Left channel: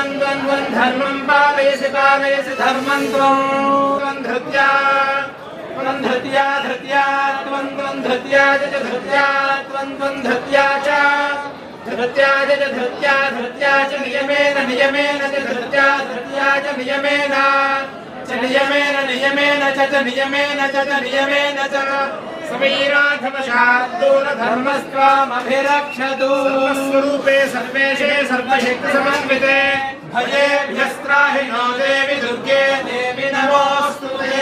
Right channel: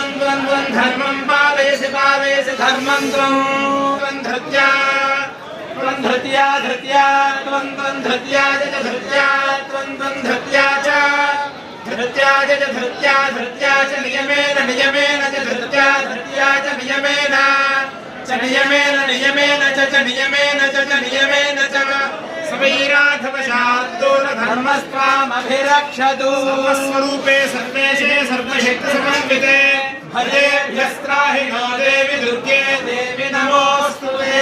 धर्मं पालयसि पालयसि धर्मं त्वं धृत्या धृत्या धृत्या त्वं धृत्या च धृत्या त्वं धृत्या च धृत्या च धृत्या धृत्या च नियमेन नियमेन च धृत्या धृत्या च नियमेन नियमेन नियमेन च नियमेन च नियमेन च स्वैराघवशाद्दूर धर्मस्त्वामभिरक्षतु स्वरूपे सर्वेशे सर्वशक्तिसमन्विते भयेभ्यस्त्राहि नो देवि दुर्गे देवि नमोऽस्तुते।